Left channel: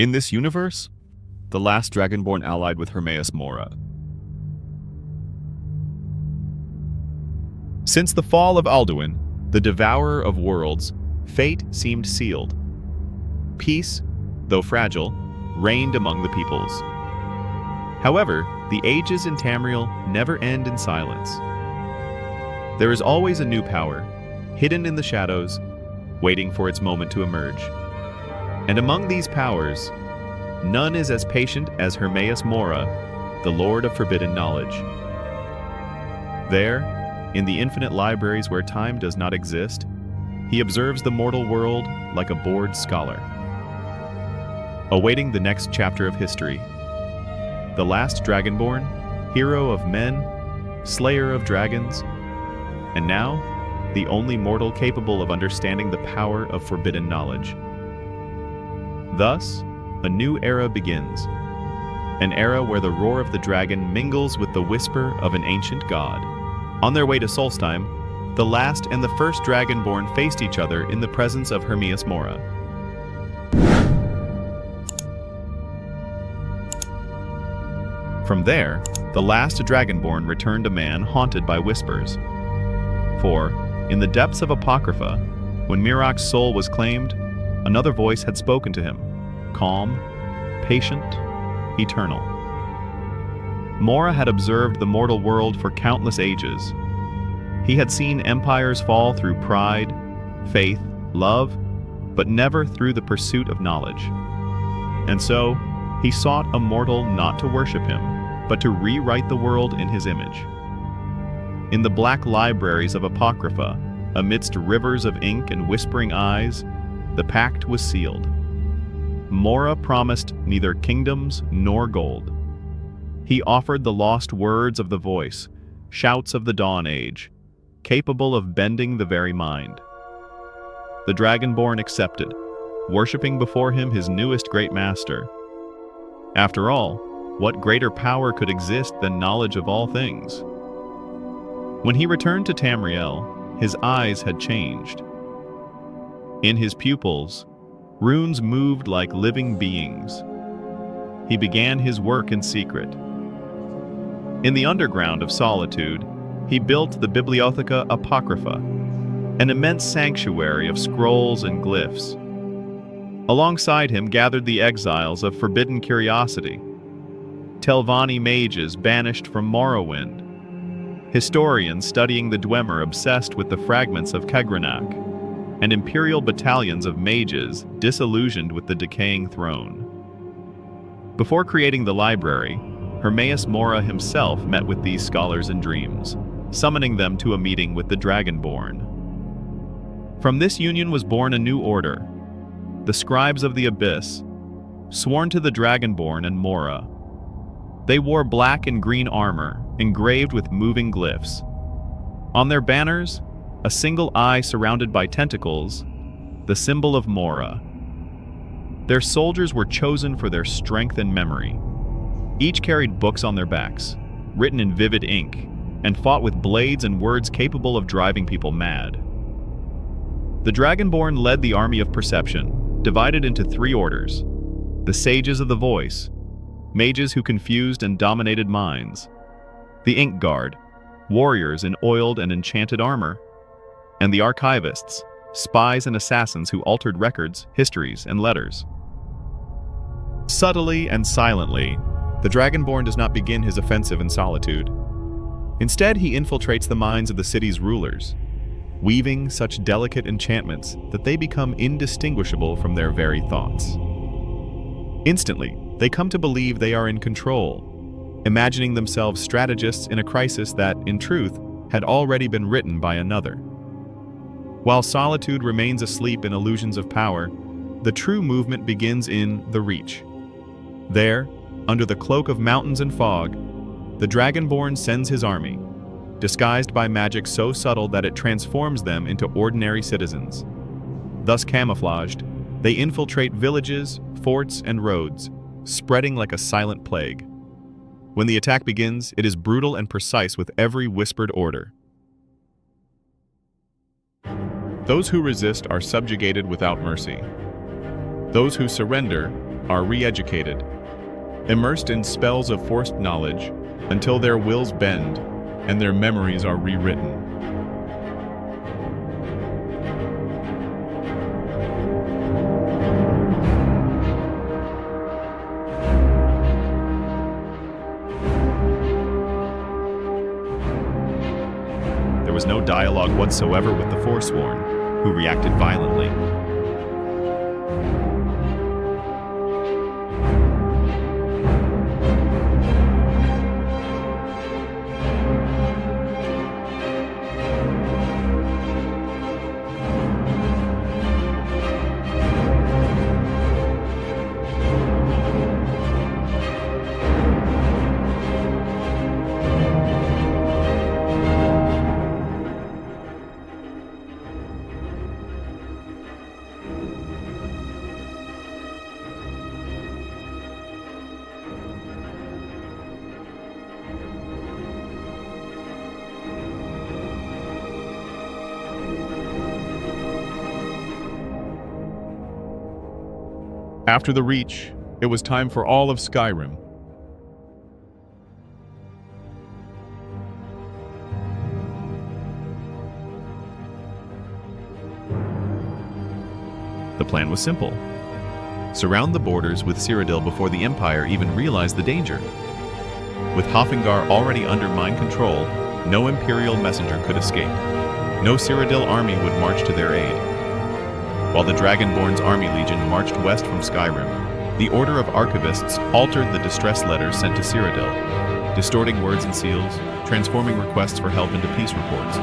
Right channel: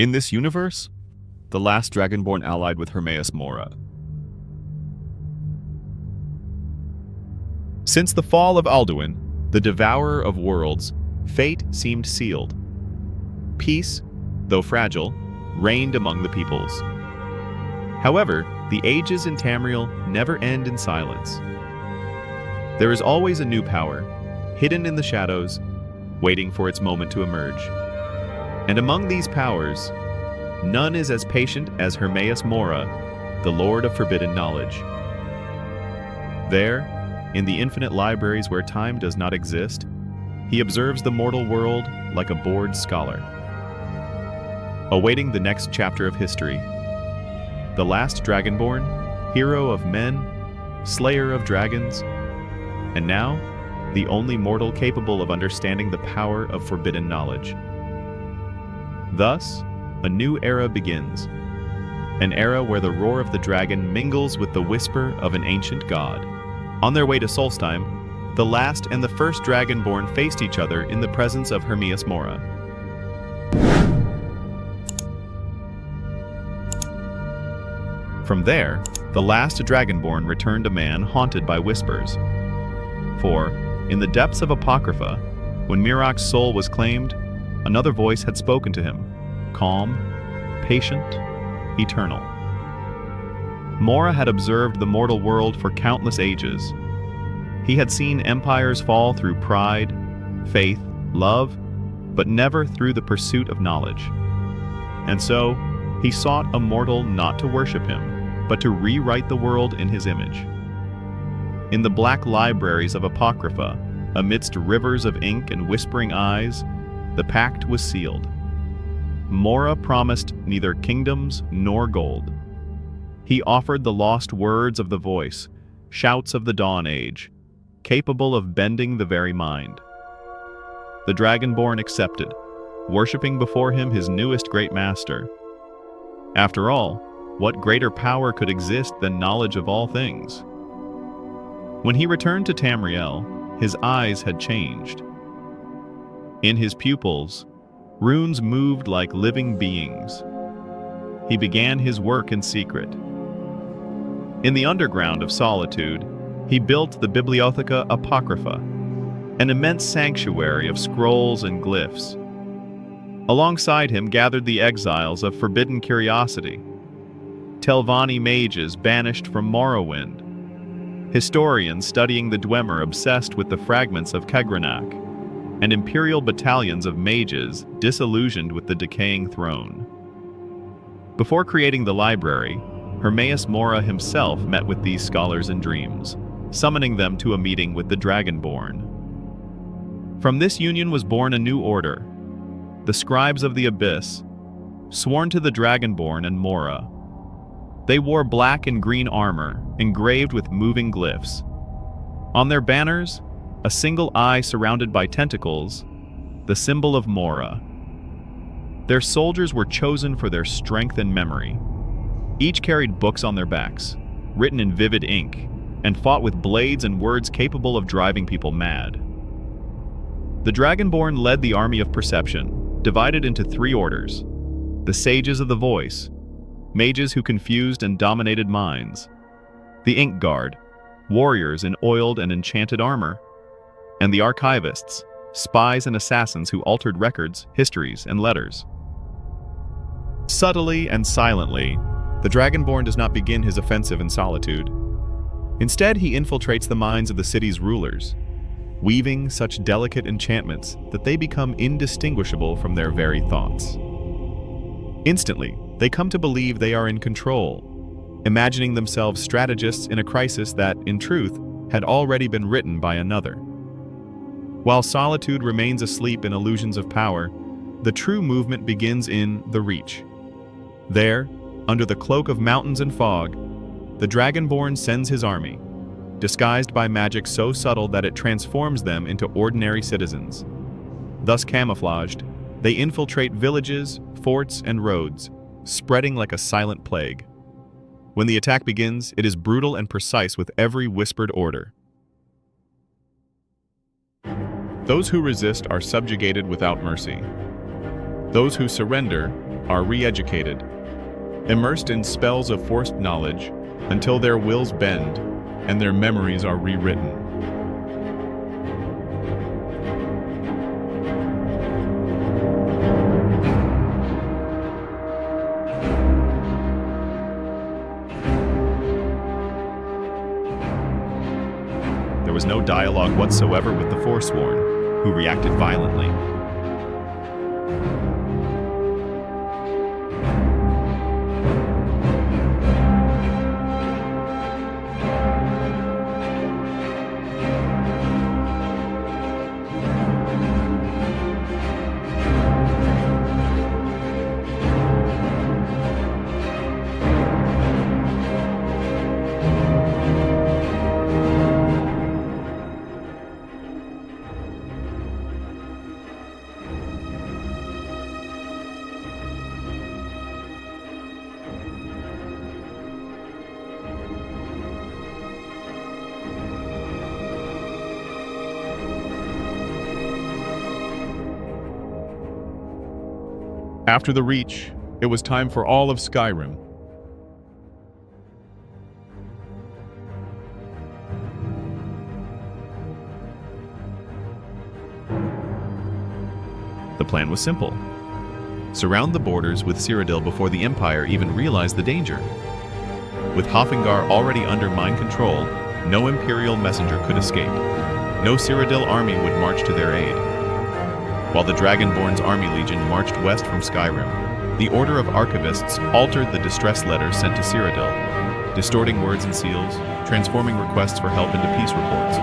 In this universe, the Last Dragonborn allied with Hermaeus Mora. Since the fall of Alduin, the devourer of worlds, fate seemed sealed. Peace, though fragile, reigned among the peoples. However, the ages in Tamriel never end in silence. There is always a new power, hidden in the shadows, waiting for its moment to emerge. And among these powers, none is as patient as Hermaeus Mora, the Lord of Forbidden Knowledge. There, in the infinite libraries where time does not exist, he observes the mortal world like a bored scholar. Awaiting the next chapter of history, the Last Dragonborn, hero of men, slayer of dragons, and now, the only mortal capable of understanding the power of forbidden knowledge. Thus, a new era begins, an era where the roar of the dragon mingles with the whisper of an ancient god. On their way to Solstheim, the last and the first Dragonborn faced each other in the presence of Hermaeus Mora. From there, the last Dragonborn returned a man haunted by whispers. For, in the depths of Apocrypha, when Mirok's soul was claimed, another voice had spoken to him, calm, patient, eternal. Mora had observed the mortal world for countless ages. He had seen empires fall through pride, faith, love, but never through the pursuit of knowledge. And so, he sought a mortal not to worship him, but to rewrite the world in his image. In the black libraries of Apocrypha, amidst rivers of ink and whispering eyes, the pact was sealed. Mora promised neither kingdoms nor gold. He offered the lost words of the voice, shouts of the Dawn Age, capable of bending the very mind. The Dragonborn accepted, worshipping before him his newest great master. After all, what greater power could exist than knowledge of all things? When he returned to Tamriel, his eyes had changed. In his pupils, runes moved like living beings. He began his work in secret. In the underground of solitude, he built the Bibliotheca Apocrypha, an immense sanctuary of scrolls and glyphs. Alongside him gathered the exiles of forbidden curiosity, Telvanni mages banished from Morrowind, historians studying the Dwemer obsessed with the fragments of Kegrenak, and Imperial battalions of mages disillusioned with the decaying throne. Before creating the library, Hermaeus Mora himself met with these scholars in dreams, summoning them to a meeting with the Dragonborn. From this union was born a new order, the Scribes of the Abyss, sworn to the Dragonborn and Mora. They wore black and green armor, engraved with moving glyphs. On their banners, a single eye surrounded by tentacles, the symbol of Mora. Their soldiers were chosen for their strength and memory. Each carried books on their backs, written in vivid ink, and fought with blades and words capable of driving people mad. The Dragonborn led the army of perception, divided into three orders: the Sages of the Voice, mages who confused and dominated minds; the Ink Guard, warriors in oiled and enchanted armor; and the Archivists, spies and assassins who altered records, histories, and letters. Subtly and silently, the Dragonborn does not begin his offensive in solitude. Instead, he infiltrates the minds of the city's rulers, weaving such delicate enchantments that they become indistinguishable from their very thoughts. Instantly, they come to believe they are in control, imagining themselves strategists in a crisis that, in truth, had already been written by another. While solitude remains asleep in illusions of power, the true movement begins in the Reach. There, under the cloak of mountains and fog, the Dragonborn sends his army, disguised by magic so subtle that it transforms them into ordinary citizens. Thus camouflaged, they infiltrate villages, forts, and roads, spreading like a silent plague. When the attack begins, it is brutal and precise with every whispered order. Those who resist are subjugated without mercy. Those who surrender are re-educated, immersed in spells of forced knowledge until their wills bend and their memories are rewritten. There was no dialogue whatsoever with the Forsworn, who reacted violently. After the Reach, it was time for all of Skyrim. The plan was simple. Surround the borders with Cyrodiil before the Empire even realized the danger. With Haafingar already under mind control, no Imperial messenger could escape. No Cyrodiil army would march to their aid. While the Dragonborn's army legion marched west from Skyrim, the Order of Archivists altered the distress letters sent to Cyrodiil, distorting words and seals, transforming requests for help into peace reports.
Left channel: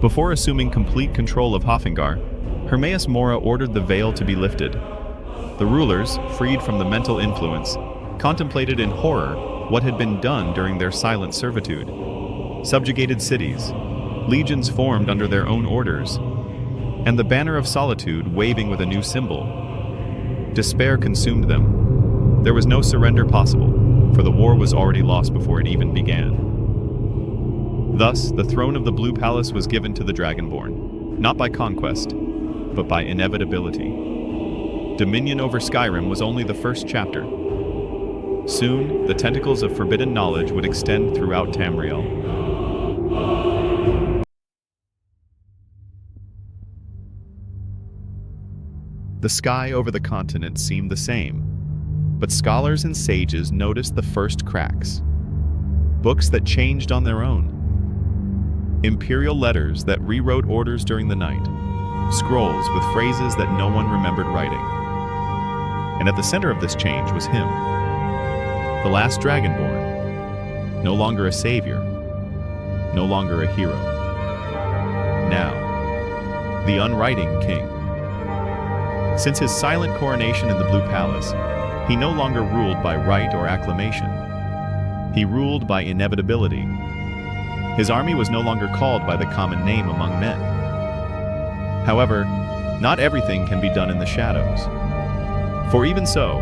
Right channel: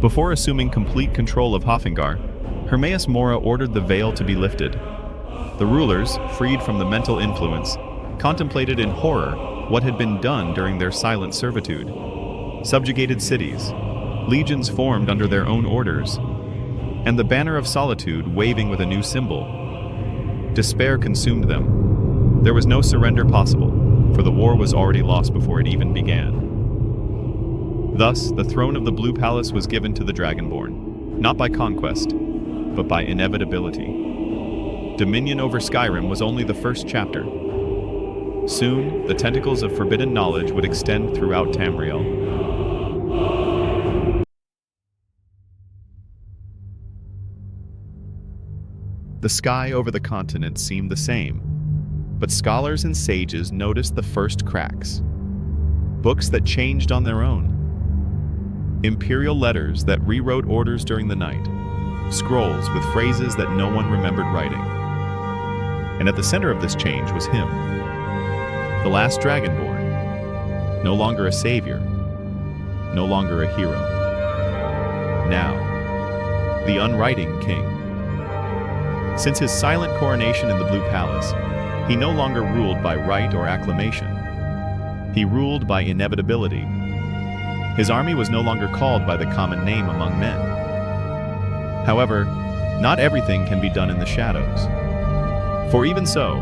Before assuming complete control of Haafingar, Hermaeus Mora ordered the veil to be lifted. The rulers, freed from the mental influence, contemplated in horror what had been done during their silent servitude. Subjugated cities, legions formed under their own orders, and the banner of solitude waving with a new symbol. Despair consumed them. There was no surrender possible, for the war was already lost before it even began. Thus, the throne of the Blue Palace was given to the Dragonborn, not by conquest, but by inevitability. Dominion over Skyrim was only the first chapter. Soon, the tentacles of forbidden knowledge would extend throughout Tamriel. The sky over the continent seemed the same, but scholars and sages noticed the first cracks. Books that changed on their own. Imperial letters that rewrote orders during the night. Scrolls with phrases that no one remembered writing. And at the center of this change was him, the Last Dragonborn, no longer a savior, no longer a hero. Now, the unwriting king. Since his silent coronation in the Blue Palace, he no longer ruled by right or acclamation. He ruled by inevitability. His army was no longer called by the common name among men. However, not everything can be done in the shadows. For even so,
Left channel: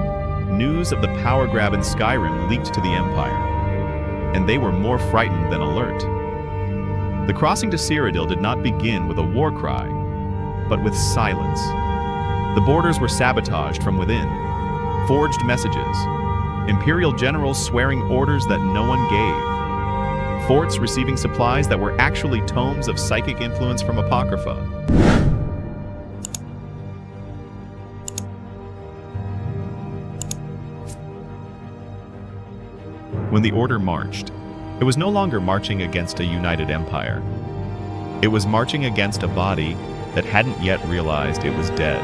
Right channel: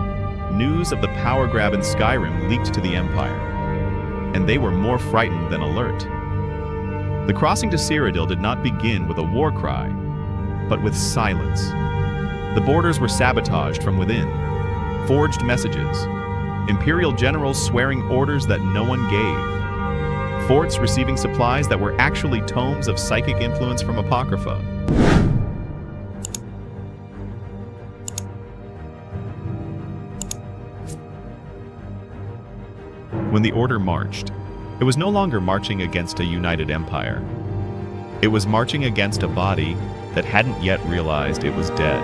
news of the power grab in Skyrim leaked to the Empire, and they were more frightened than alert. The crossing to Cyrodiil did not begin with a war cry, but with silence. The borders were sabotaged from within, forged messages, Imperial generals swearing orders that no one gave, forts receiving supplies that were actually tomes of psychic influence from Apocrypha. When the Order marched, it was no longer marching against a united empire. It was marching against a body that hadn't yet realized it was dead.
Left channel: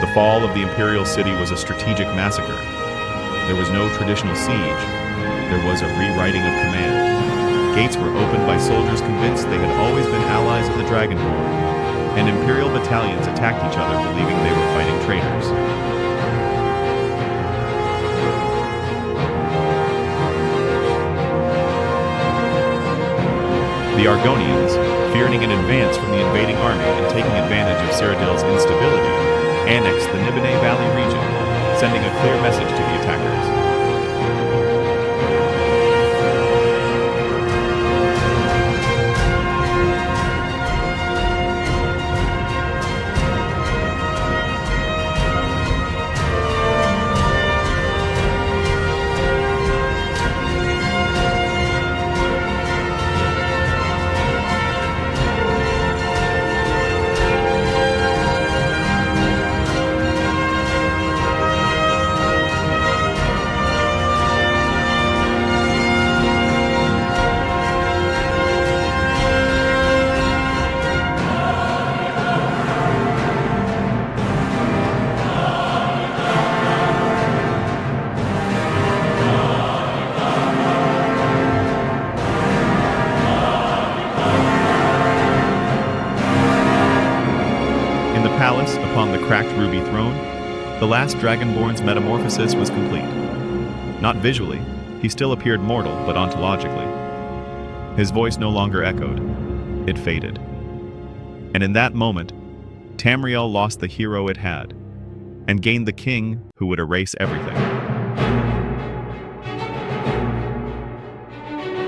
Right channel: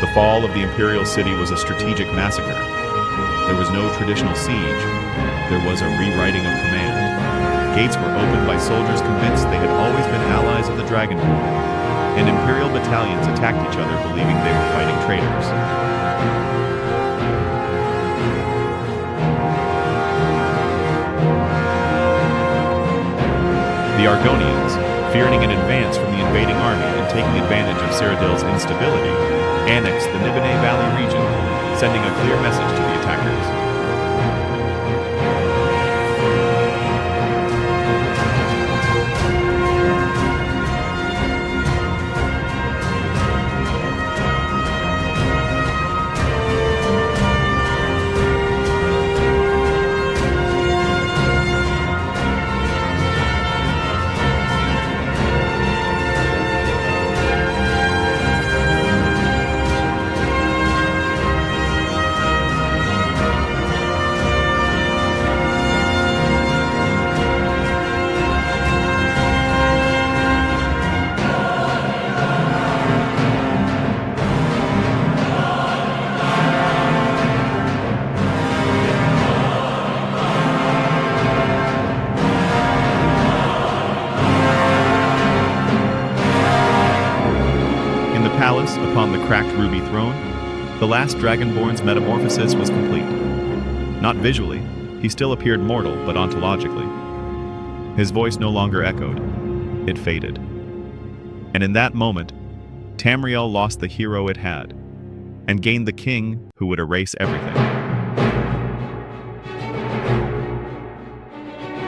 The fall of the Imperial city was a strategic massacre. There was no traditional siege. There was a rewriting of command. Gates were opened by soldiers convinced they had always been allies of the Dragonborn, and Imperial battalions attacked each other believing they were fighting traitors. The Argonians, fearing an advance from the invading army and taking advantage of Cyrodiil's instability, annexed the Nibene Valley region, sending a clear message to the attackers. In the palace, upon the cracked ruby throne, the last Dragonborn's metamorphosis was complete. Not visually, he still appeared mortal, but ontologically. His voice no longer echoed. It faded. And in that moment, Tamriel lost the hero it had, and gained the king who would erase everything.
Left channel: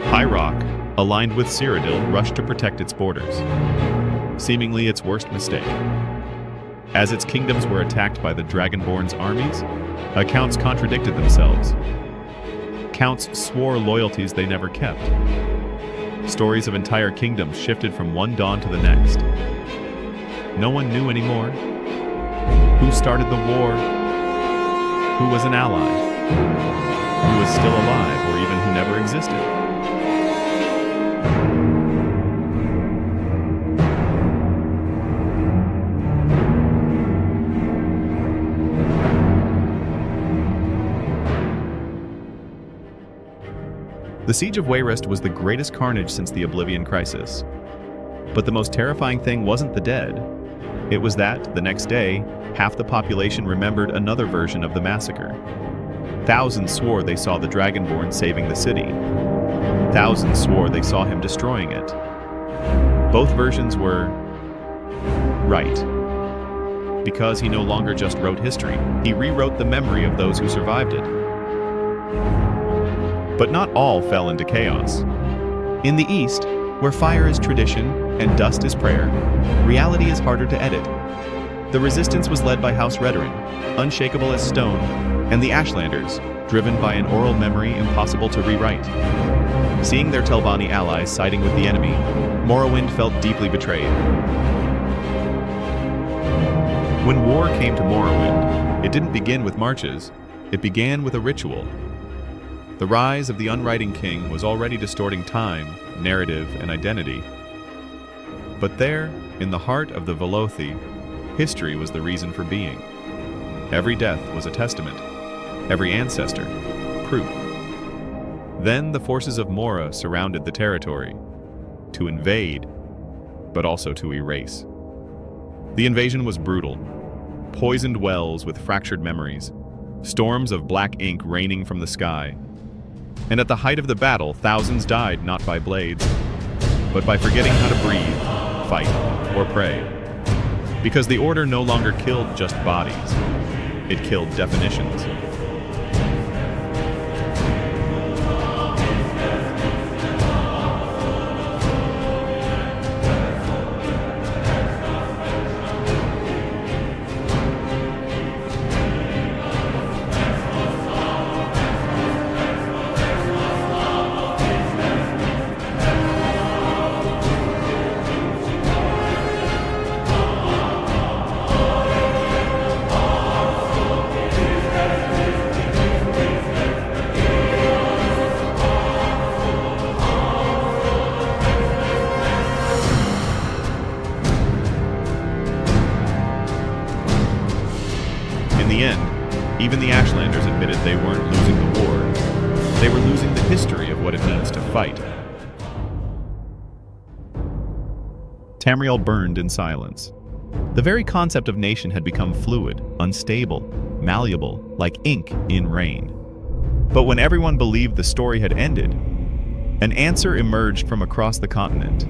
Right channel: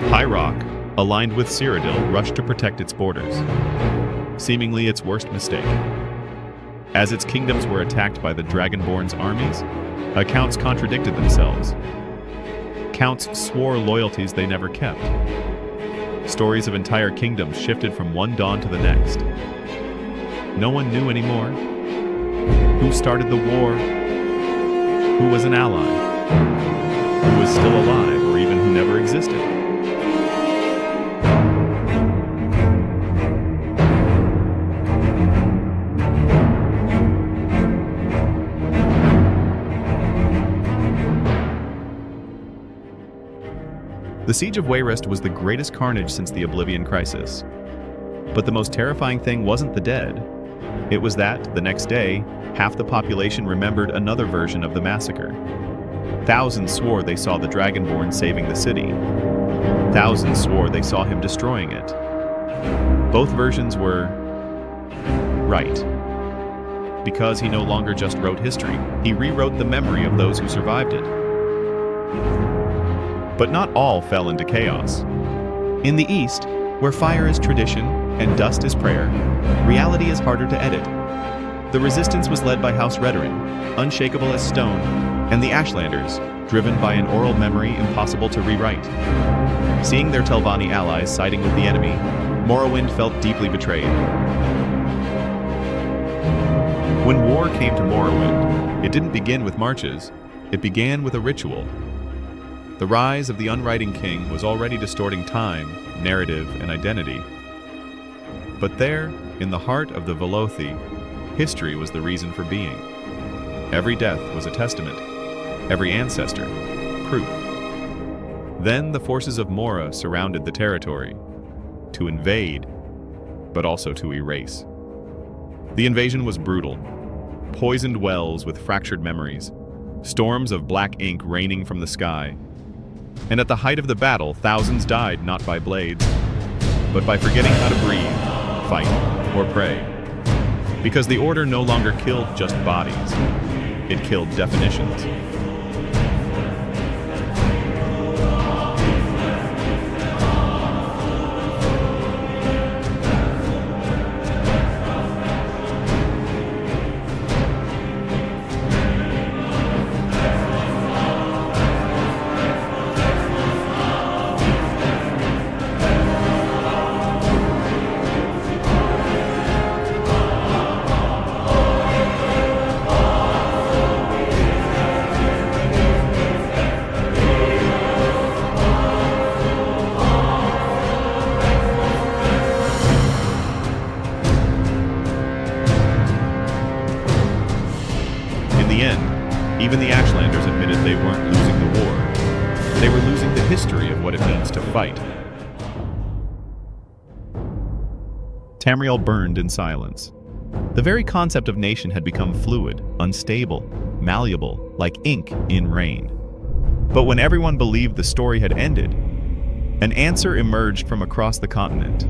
High Rock, aligned with Cyrodiil, rushed to protect its borders, seemingly its worst mistake. As its kingdoms were attacked by the Dragonborn's armies, accounts contradicted themselves. Counts swore loyalties they never kept. Stories of entire kingdoms shifted from one dawn to the next. No one knew anymore. Who started the war? Who was an ally? Who was still alive, or even who never existed? The Siege of Wayrest was the greatest carnage since the Oblivion Crisis. But the most terrifying thing wasn't the dead. It was that, the next day, half the population remembered another version of the massacre. Thousands swore they saw the Dragonborn saving the city. Thousands swore they saw him destroying it. Both versions were right. Because he no longer just wrote history, he rewrote the memory of those who survived it. But not all fell into chaos. In the East, where fire is tradition and dust is prayer, reality is harder to edit. The resistance was led by House Redoran, unshakable as stone, and the Ashlanders, driven by an oral memory impossible to rewrite. Seeing their Telvanni allies siding with the enemy, Morrowind felt deeply betrayed. When war came to Morrowind, it didn't begin with marches, it began with a ritual. The rise of the Unwriting King was already distorting time, narrative, and identity. But there, in the heart of the Velothi, history was the reason for being. Every death was a testament, every ancestor, proof. Then the forces of Mora surrounded the territory, to invade, but also to erase. The invasion was brutal. Poisoned wells with fractured memories, storms of black ink raining from the sky. And at the height of the battle, thousands died not by blades, but by forgetting how to breathe, fight, or pray. Because the Order no longer killed just bodies, it killed definitions. In the end, even the Ashlanders admitted they weren't losing the war. They were losing the history of what it means to fight. Tamriel burned in silence. The very concept of nation had become fluid, unstable, malleable, like ink in rain. But when everyone believed the story had ended, an answer emerged from across the continent.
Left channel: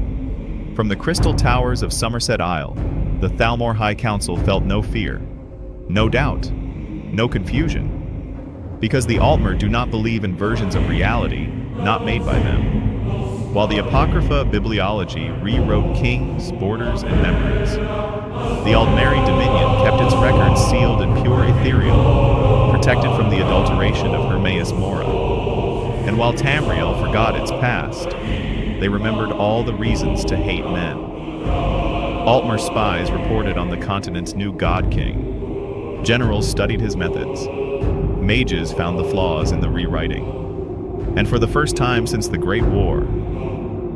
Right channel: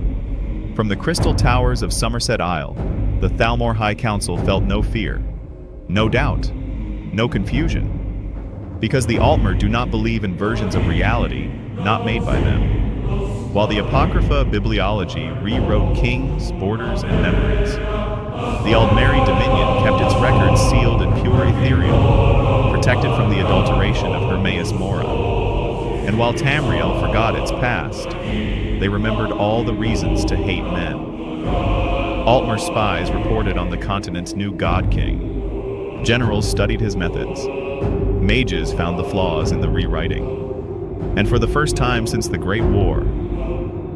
From the crystal towers of Somerset Isle, the Thalmor High Council felt no fear, no doubt, no confusion. Because the Altmer do not believe in versions of reality not made by them. While the Apocrypha bibliology rewrote kings, borders, and memories, the Aldmeri Dominion kept its records sealed and pure ethereal, protected from the adulteration of Hermaeus Mora. And while Tamriel forgot its past, they remembered all the reasons to hate men. Altmer spies reported on the continent's new God King. Generals studied his methods. Mages found the flaws in the rewriting. And for the first time since the Great War,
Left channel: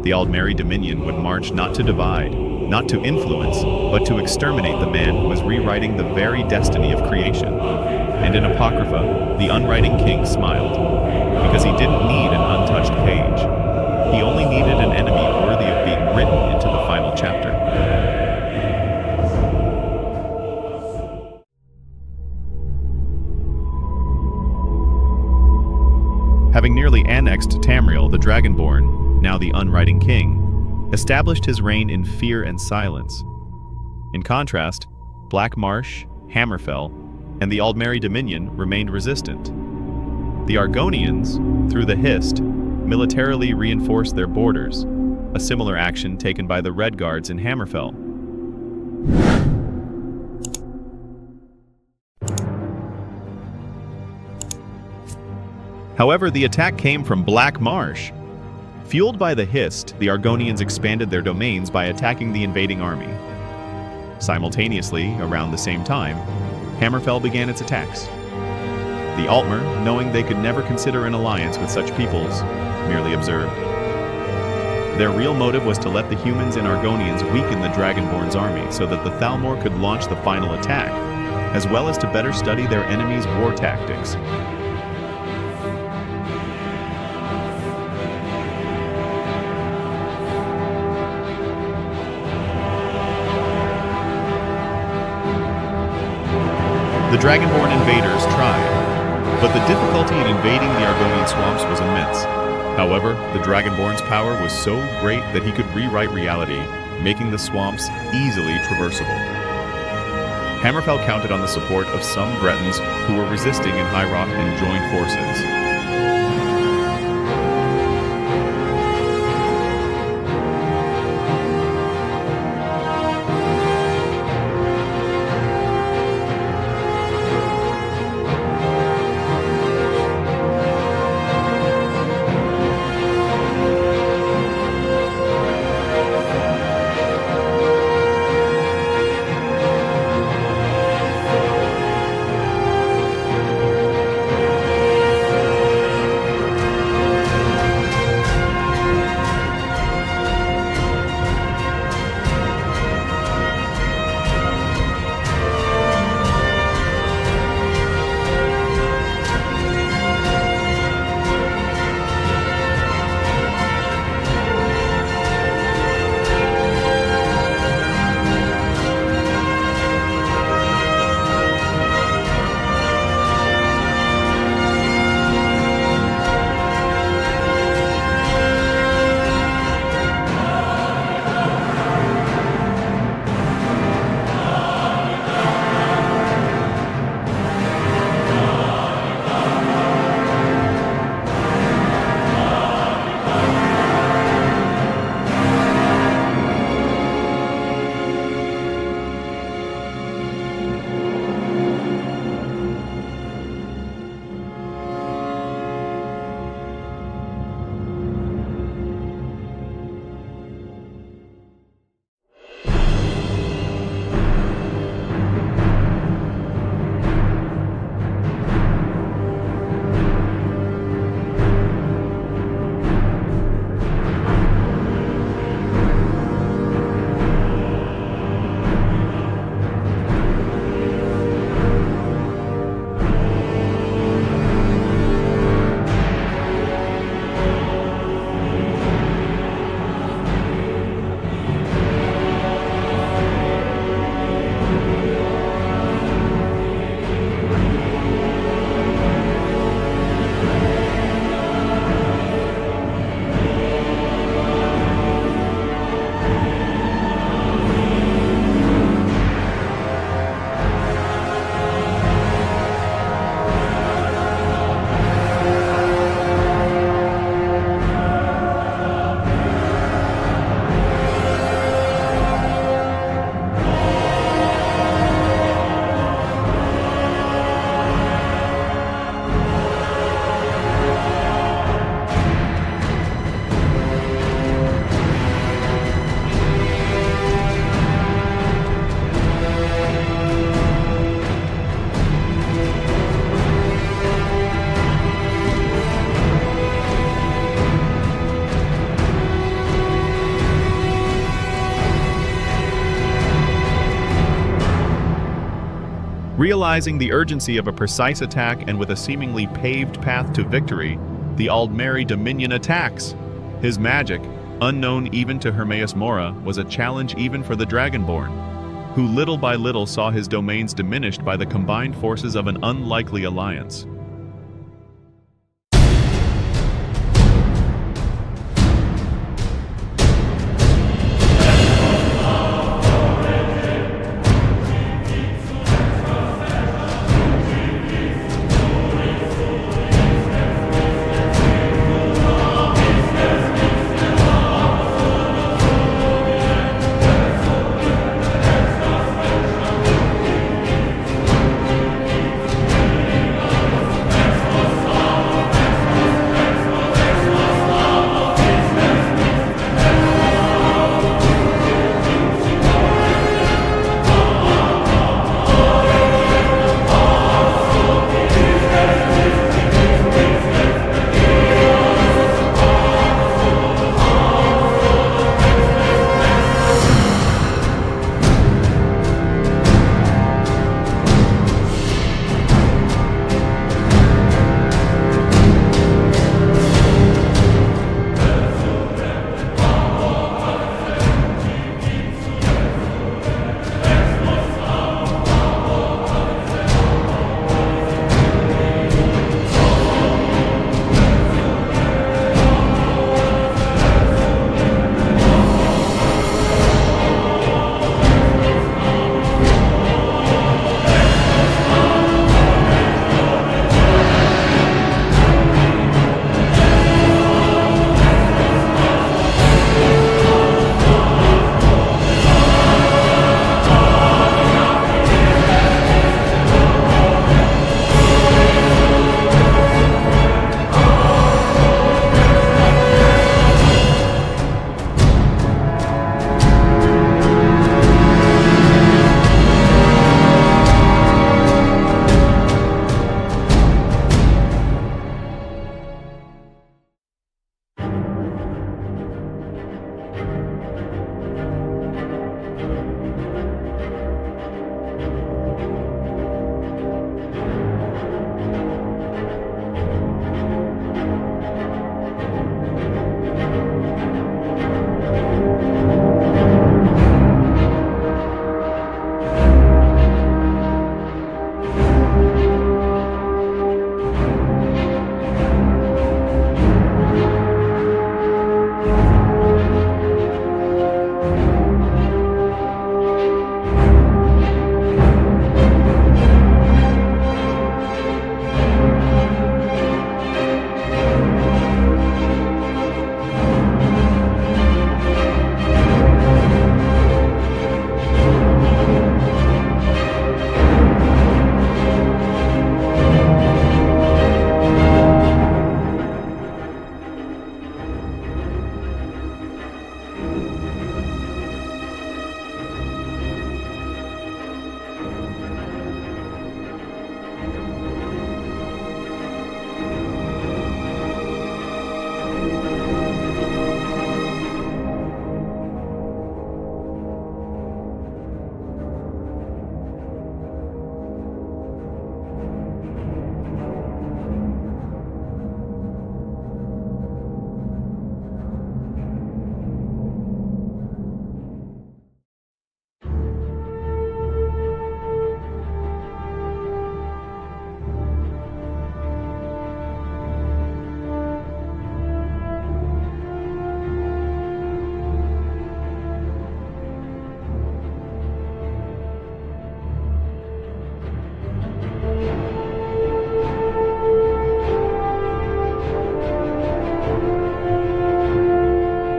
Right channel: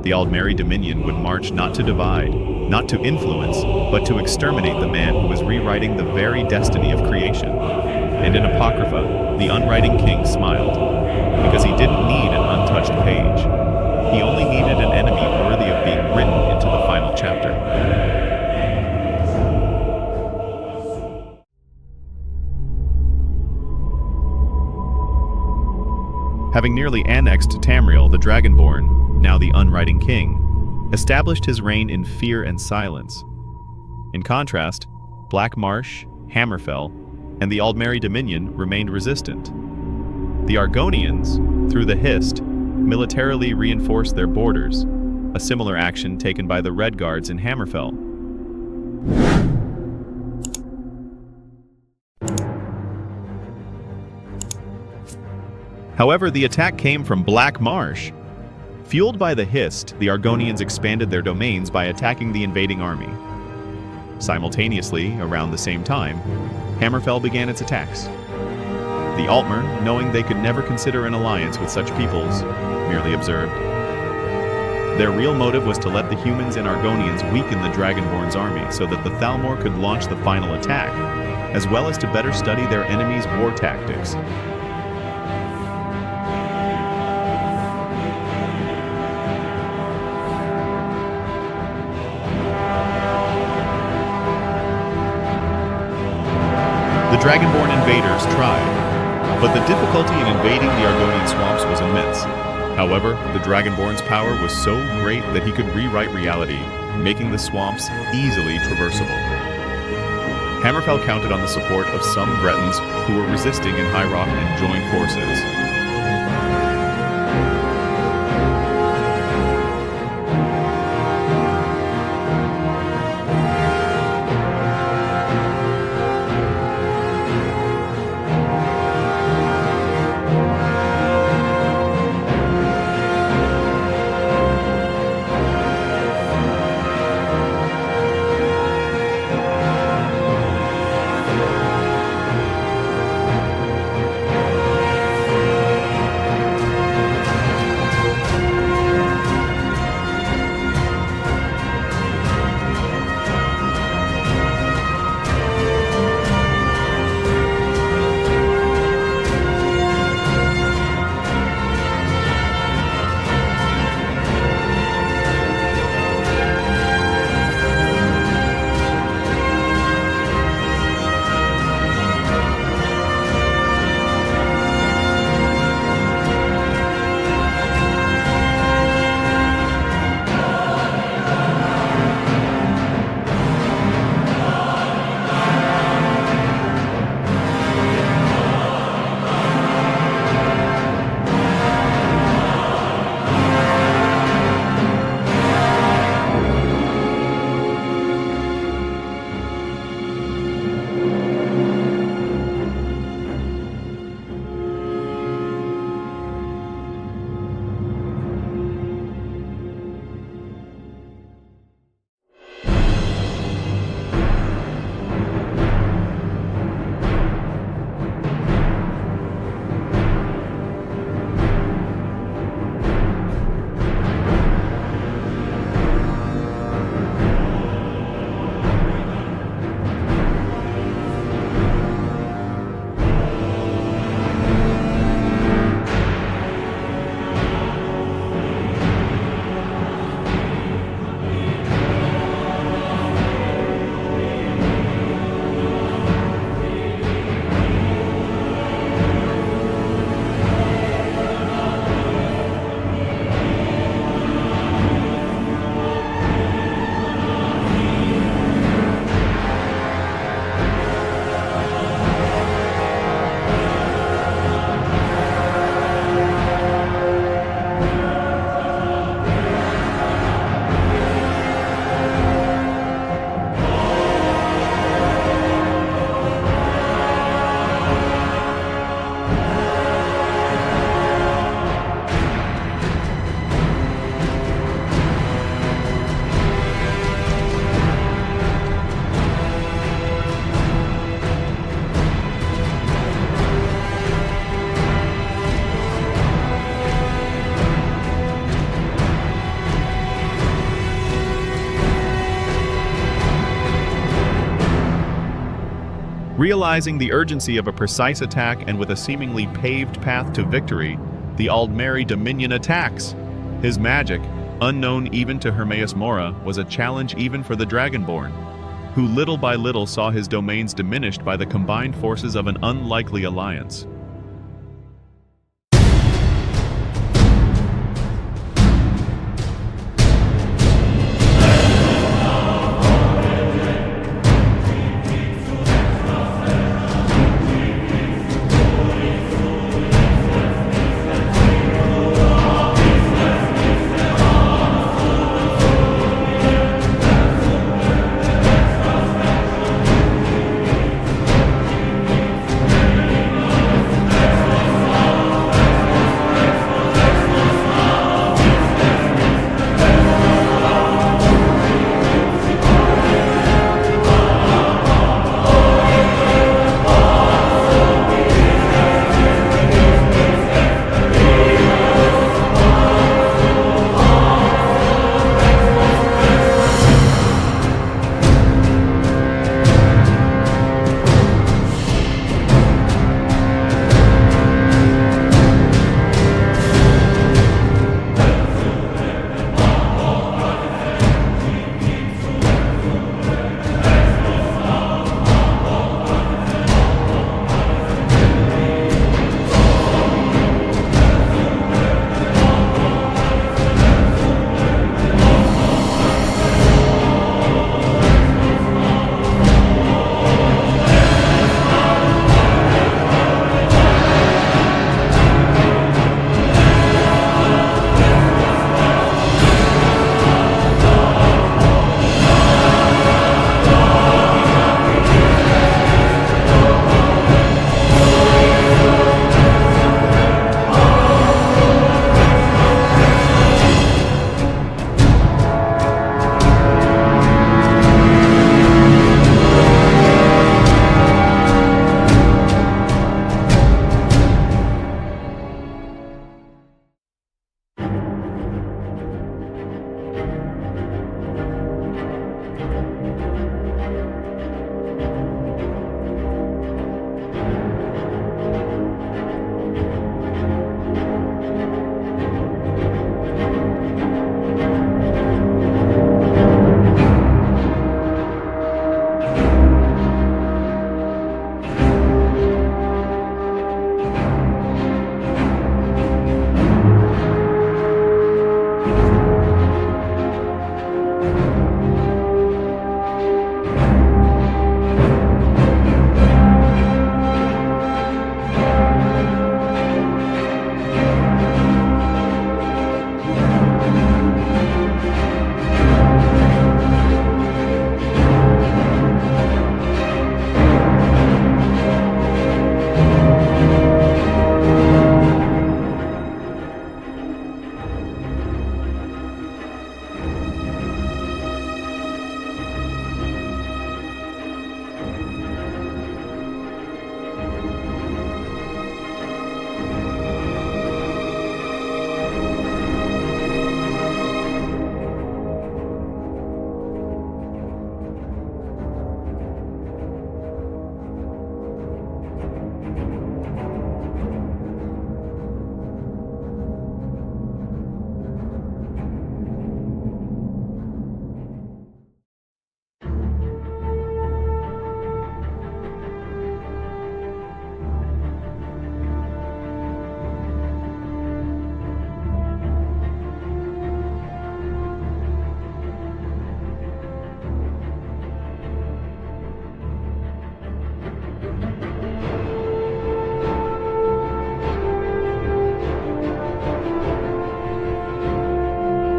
the Aldmeri Dominion would march not to divide, not to influence, but to exterminate the man who was rewriting the very destiny of creation. And in Apocrypha, the Unwriting King smiled, because he didn't need an untouched page. He only needed an enemy worthy of being written into the final chapter. Having nearly annexed Tamriel, the Dragonborn, now the Unwriting King, established his reign in fear and silence. In contrast, Black Marsh, Hammerfell, and the Aldmeri Dominion remained resistant. The Argonians, through the Hist, militarily reinforced their borders, a similar action taken by the Red Guards in Hammerfell. However, the attack came from Black Marsh. Fueled by the Hist, the Argonians expanded their domains by attacking the invading army. Simultaneously, around the same time, Hammerfell began its attacks. The Altmer, knowing they could never consider an alliance with such peoples, merely observed. Their real motive was to let the humans and Argonians weaken the Dragonborn's army so that the Thalmor could launch the final attack, as well as to better study their enemies' war tactics. The Dragonborn invaders tried, but the difficulty in invading the Argonian swamps was immense. However, the Dragonborn's power was so great that he could rewrite reality, making the swamps easily traversable. Hammerfell counted on the support of some Bretons who were resisting in High Rock and joined forces. Realizing the urgency of a precise attack and with a seemingly paved path to victory, the Aldmeri Dominion attacks. His magic, unknown even to Hermaeus Mora, was a challenge even for the Dragonborn, who little by little saw his domains diminished by the combined forces of an unlikely alliance.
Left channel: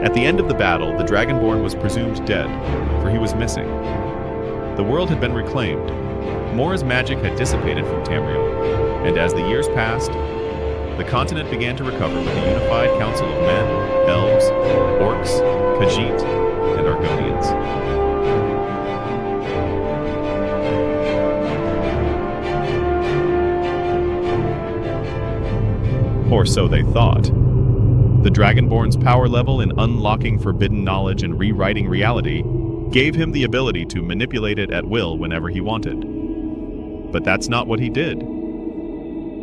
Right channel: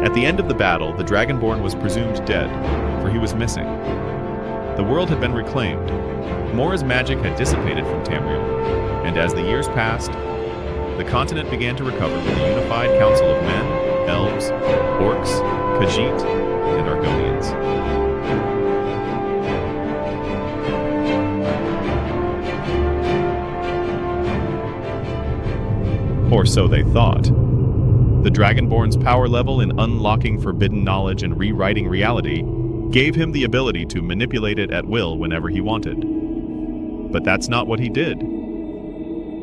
At the end of the battle, the Dragonborn was presumed dead, for he was missing. The world had been reclaimed. Mora's magic had dissipated from Tamriel, and as the years passed, the continent began to recover with a unified council of men, elves, orcs, Khajiit, and Argonians. Or so they thought. The Dragonborn's power level in unlocking forbidden knowledge and rewriting reality gave him the ability to manipulate it at will whenever he wanted. But that's not what he did.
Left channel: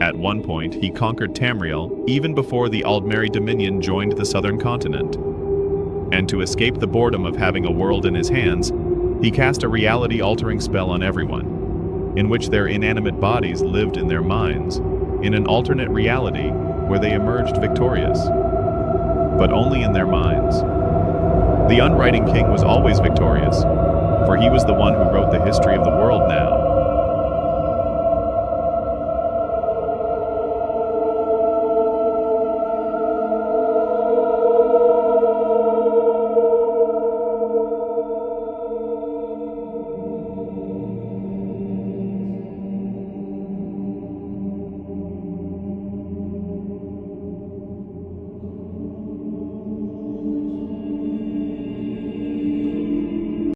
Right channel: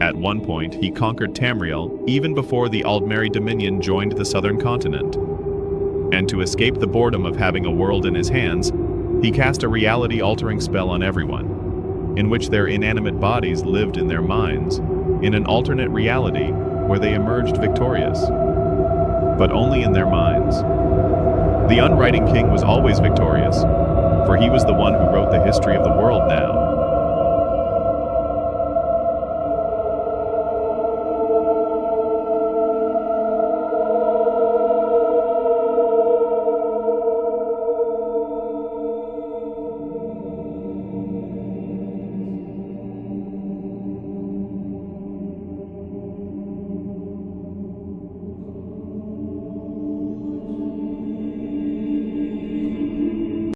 At one point, he conquered Tamriel even before the Aldmeri Dominion joined the southern continent. And to escape the boredom of having a world in his hands, he cast a reality-altering spell on everyone, in which their inanimate bodies lived in their minds, in an alternate reality where they emerged victorious. But only in their minds. The Unwriting King was always victorious, for he was the one who wrote the history of the world now.